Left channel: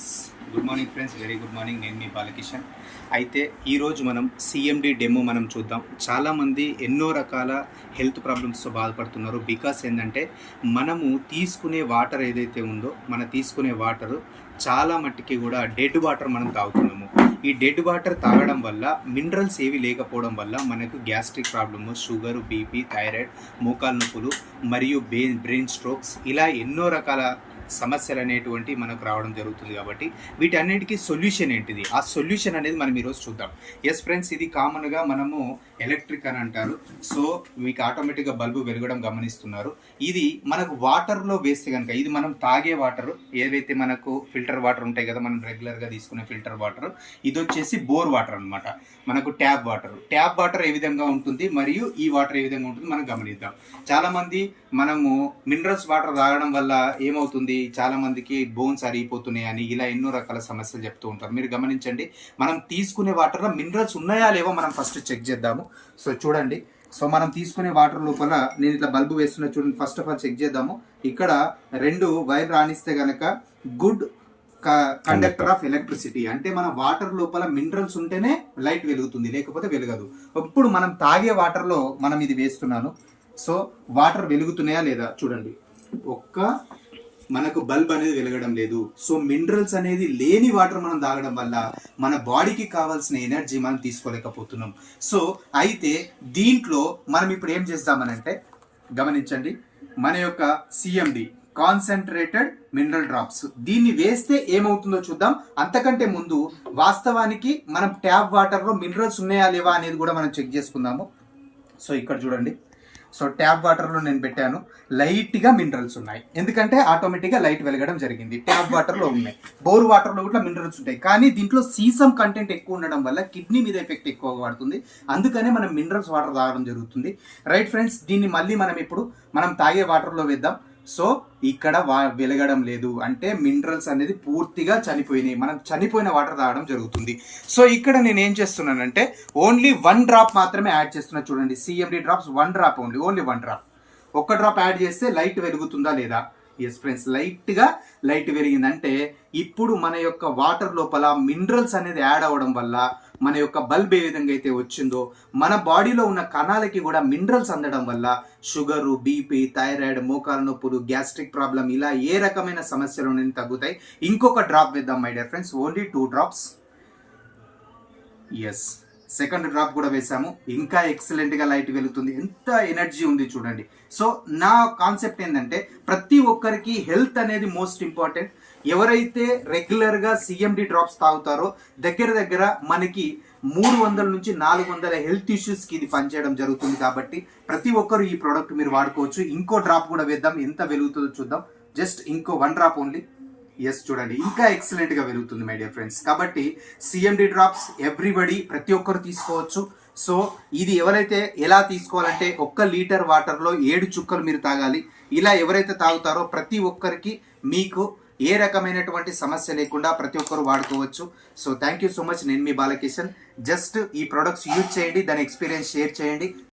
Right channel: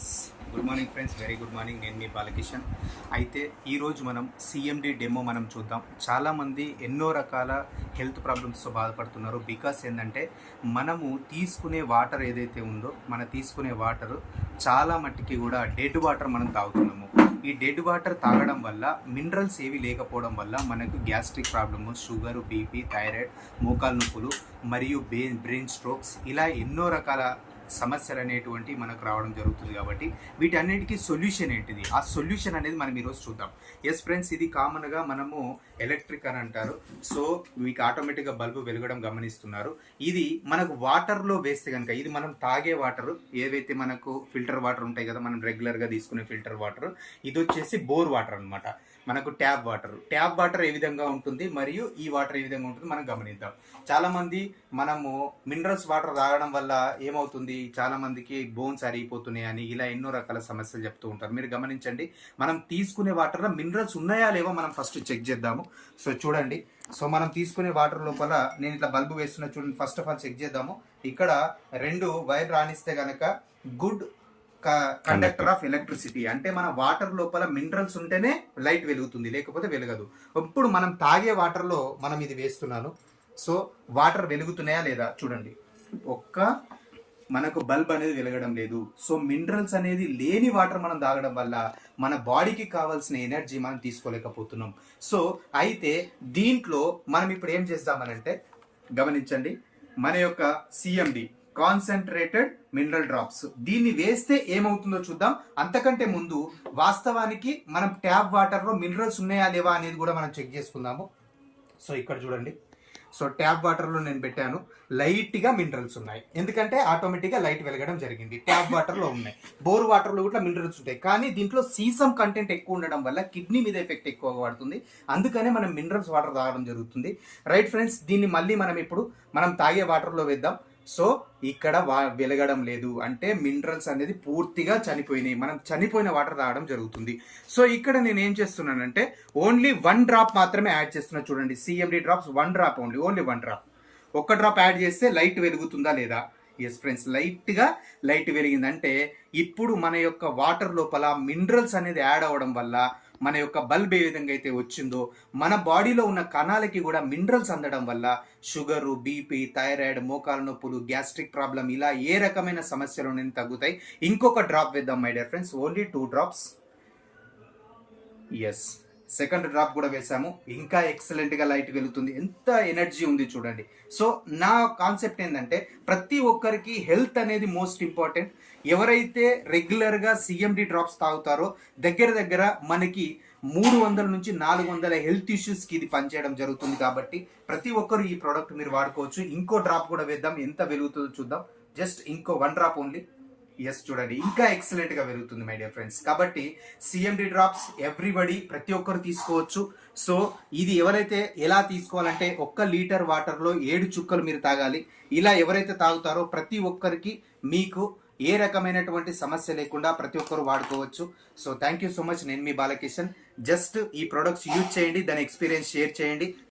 Yes good morning friends, very good morning. నేను మీ బాలకిషన్. అయితే ఈరోజు మనం సిఎండి డెమో మనం చూద్దాం. చాలామంది ఎన్నో రకాల హెల్త్ ప్రాబ్లమ్స్తో బాధపడుతున్నారు. బికాస్ ఏంటంటే మనము తీసుకునే వాటర్ ఏదైతే ఉందో తీసుకునే వాటర్ చాలా మట్టికి కూడా డెడ్ వాటర్ మనం తాగుతున్నాము. ఈ డెడ్ వాటర్ తాగడం వల్ల మినరల్స్ ఏవి లేకపోవడం వల్ల మనకు gastric problem, sugar, BP, thyroid, మోకాలు నొప్పులు మరియు బ్రెయిన్ స్ట్రోక్స్ ఇలా ఎన్నో రకాల సమస్యలు అనేటువంటి మనకు రావడం జరుగుతుంది. కాబట్టి వీటన్నిటికీ సొల్యూషన్ ఏంటిది, ఆ సొల్యూషన్ అనేది మనం ఈరోజు చూద్దాం. ఎస్ ఫ్రెండ్స్, ఇది కామన్గా మనము ఎలక్ట్రిక్ అని అంటారు. సో మీకు ఆటోమేటిక్గా బల్బు వెలగడం గమనిస్తున్నారు. ఇది మనకు వాటర్లో వేస్తే కనుక, ఇది మనం తాగే వాటర్ ఏవైతే మనకు ఫిల్టర్ వాటర్ ఉంటాయి కదా, మనం రెగ్యులర్గా తీసుకునే ఫిల్టర్ వాటర్, ఇది వచ్చేసి బోర్ వాటర్ అనమాట. మనకు ట్యాప్ వాటర్ ఏ విధంగా ఉంటుంది మరియు ఈ వాటర్ ఏ విధంగా ఉంటుంది మనం గమనిద్దాం. చాలామంది మనము మినరల్స్ వాటర్ తాగడం వల్ల ఏమవుతుంది, చాలా మందికి బోన్స్ అరిగిపోతున్నాయి అని ఇలా ఎన్నో రకాల సమస్యలు చెప్తూ ఉంటారు. మీరు గమనించండి, మనం తీసుకునే వాటర్లో మినరల్స్ ఉన్నాయా లేవో మనం ఫస్ట్ చెక్ చేద్దాము. సో చూడండి, సో మనం తీసుకునే వాటర్ లోపల నేను ఇట్లా బల్బు వేస్తున్నా చూడండి. ఫస్ట్ ఆఫ్ ఆల్ చెక్ చేద్దాము. ఇక్కడ 2 వైర్ రాణిస్తే గనక గుడ్ కండక్టర్ ఆఫ్ ఎలక్ట్రిసిటీ, అంటే మన వాటర్ లోపల మినరల్స్ ఉంటేనే లైట్ వెలుగుతుంది, లేకపోతే వెలగదు. ఇప్పుడు మనం తాగే వాటర్లో మనం ఇది వేస్తున్నాను. సో వాటర్ వెలుగుతున్నాయా లేదా చూడండి. మనకు బల్బ్ అనేది వెలగడం లేదు. సో మినరల్స్ అనేది లేని వాటర్ మనం తాగడం వల్ల మన బాడీకి కావాల్సిన ఎనర్జీ మనం తీసుకోలేకపోతున్నాం. సో అయితే దీంట్లో మనం ఇప్పుడు ఏం చేద్దామనంటే గమనించండి, మన యొక్క సిఎండి కాన్సన్ట్రేటెడ్ మినరల్ డ్రాప్స్, దీన్ని వేస్తే ఏమవుతుందో చూద్దాం. అంతకంటే ముందు వాస్తవానికి మనం ట్యాప్ వాటర్లో మినరల్స్ ఉన్నాయా లేవా అనేది కూడా మనం చెక్ చేసుకుందాము. సో ఇక్కడ చూడండి, సో ట్యాప్ వాటర్లో నేను పెట్టాను, లైట్గా మినరల్స్ ఉన్నాయి. ఎందుకంటే ఆటోమేటిక్గా లైట్ వెలగడం జరిగింది. ట్యాప్ వాటర్లో ఉన్నాయి, బోర్ వాటర్లో కూడా మినరల్స్ ఉంటాయి. కానీ దీంట్లో సీసం కంటెంట్ ఎక్కువ ఉండడం వల్ల కిడ్నీ మీద ఎఫెక్ట్ ఎక్కువగా పడుతుంది. అందుకనే మనం మినరల్స్ వాటర్ తాగడం జరుగుతుంది. రైట్ ఫ్రెండ్స్, దీన్ని మళ్ళీ మనం తాగే వాటర్లో వేద్దాం. సో ఇక్కడ వెలగడం లేదు, అంటే మినరల్స్ అనేది పూర్తిగా చనిపోయినాయి. మనం చనిపోయిన వాటర్ తాగడం జరుగుతుంది. సో ఇక్కడ నేను ఏం చేస్తున్నానంటే ఓన్లీ 1 డ్రాప్ మాత్రమే యాడ్ చేస్తున్నా. చూడండి, CMD drops 1 drop, only 1 drop. 1 drop add చేస్తే లైట్ వెలుగుతుందా లేదా? ఎస్ ఫ్రెండ్స్, లైట్ వెలిగిందంటే ఇప్పుడు మన యొక్క వాటర్ లోపల మినరల్స్ అనేది యాడ్ అవ్వడం వల్ల మన యొక్క బల్బ్ ఏ విధంగా అయితే వచ్చిందో మన బాడీలో ఉన్న కణాలకి కూడా మినరల్స్ అందడం వల్ల షుగరు, బీపీ, థైరాయిడ్, మోకాలు నొప్పులు, గ్యాస్ట్రిక్ ప్రాబ్లం ఇలా ఏ రకమైన సమస్యలు అనేది తగ్గుతాయి. ఇంకొక డ్రాప్ వేద్దాం my dear friends, only 2 drops. Yes, second drop కూడా వేసాము. ఇంకా ఎక్సలెంట్గా లైట్ వెలుగుతుంది. ఎంత ఎనర్జీ ఉంది చూడండి. సో నా కాన్సెప్ట్ ఏంటంటే ప్రతి ఒక్కరికి హెల్త్ అనేది మోస్ట్ ఇంపార్టెంట్. ఎవరైతే రెగ్యులర్గా సిఎండి డ్రాప్స్ తాగుతారో దగ్గర మనకి 300 నుంచి 400 హెల్త్ ఇష్యూస్కి ఇది పనిచేయడం జరుగుతుంది. కాబట్టి ప్రతి ఒక్కరు ఈ ప్రోడక్ట్ మీరు వాడుకోవచ్చు. ఇంకో డ్రాప్ కూడా వేద్దాం, ఎంత వెలుగుతుందో చూద్దాం. జస్ట్ ఇంకో 1 డ్రాప్ ఓన్లీ. ఎస్ చూడండి, ఇంకా ఎక్సలెంట్గా వెలుగుతుంది మై డియర్ ఫ్రెండ్స్. కాబట్టి సిఎండి డ్రాప్స్ ఎవ్రీబడి, ప్రతి ఒక్కరు తీసుకోవచ్చు. సో ఇది ఎవరైతే ఎలా తీసుకోవాలంటే 1 లీటర్ వాటర్లో 7 చుక్కలు మీరు తాగాలి. ఇలా ఎవరైతే తాగుతారో ప్రతి ఒక్కరికి మీకు ఏ రకమైనటువంటి సమస్య లేకుండా ప్రతి ఒక్కరు వాడుకోవచ్చు. So thank you so much. నేను మీ బాలకిషన్. జస్ట్ ఈ ప్రొడక్ట్స్ యూజ్ చేయండి, దాని ఎక్స్పీరియన్స్ షేర్ చేయండి.